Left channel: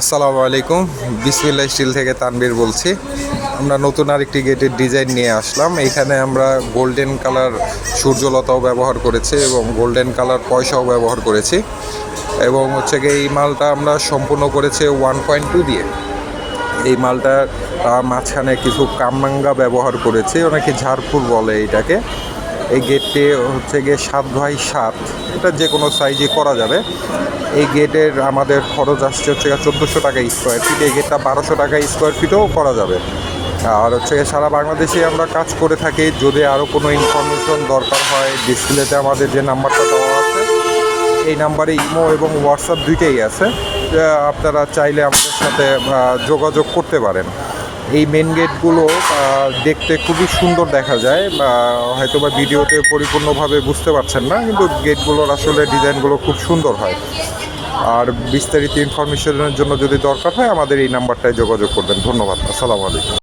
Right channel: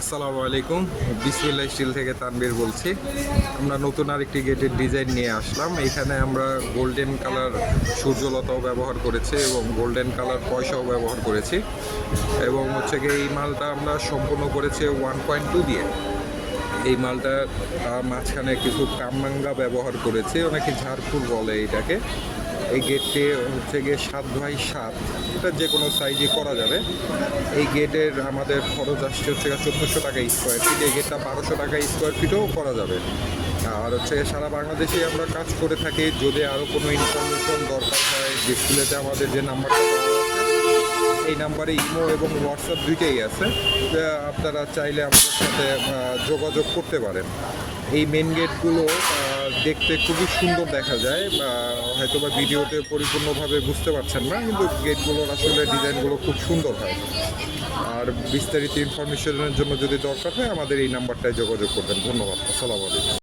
আসসালামু আলাইকুম। বিসমিল্লাহ স্টিল থেকে তানবীর বলছি। আমরা নতুন আরেকটি গেটের ডিজাইন নিয়ে আসলাম। এখানে আমরা গোল্ডেন কালার সূর্যলতাও ব্যবহার করেছি এবং গোল্ডেন কালার পয়সাও ব্যবহার করেছি এবং হচ্ছে গিয়ে এই মালটা আমরা সম্পূর্ণ করেছি 1.2 দিয়ে। এই মালটার মাঝখানে কিছু কামরাঙ্গা ব্যবহার করেছি, অনেকে ঝাড়ফুল বলে এইটাকে। এই গেটটি হচ্ছে গিয়ে 7x7, এটা যে কোনো সাইজে করা যাবে। এই গেটের আমাদের খরচ আসছে হচ্ছে 1400 টাকা স্কোয়ার ফিট। এই গেটটা 1200 টাকা স্কোয়ার ফিটও করা যাবে। আর হচ্ছে সারা বাংলাদেশে আমরা কাজ করে থাকি। যদি আরও কোনো ইনফরমেশন দরকার হয়, ডিসপ্লেতে আমাদের যে নাম্বারটা দেওয়া আছে এই নাম্বারে ইমো এবং হোয়াটসঅ্যাপ দুইটাই আছে। আপনারা চাইলে আমাদের সাথে যোগাযোগ করতে পারেন। এই মেন গেটগুলো দেখতে খুবই সুন্দর দেখা যায়, হয়তো বা ভিডিওতে পরিপূর্ণভাবে বুঝতে পারছেন না, কিন্তু গেটগুলোর আসলে ডিজাইনগুলো খুব সুন্দর হয়। আর বিস্তারিত ইনফরমেশনের জন্য যদি দরকার হয় আমাদের এই নাম্বারটায় যোগাযোগ করবেন। ধন্যবাদ। আসসালামু আলাইকুম।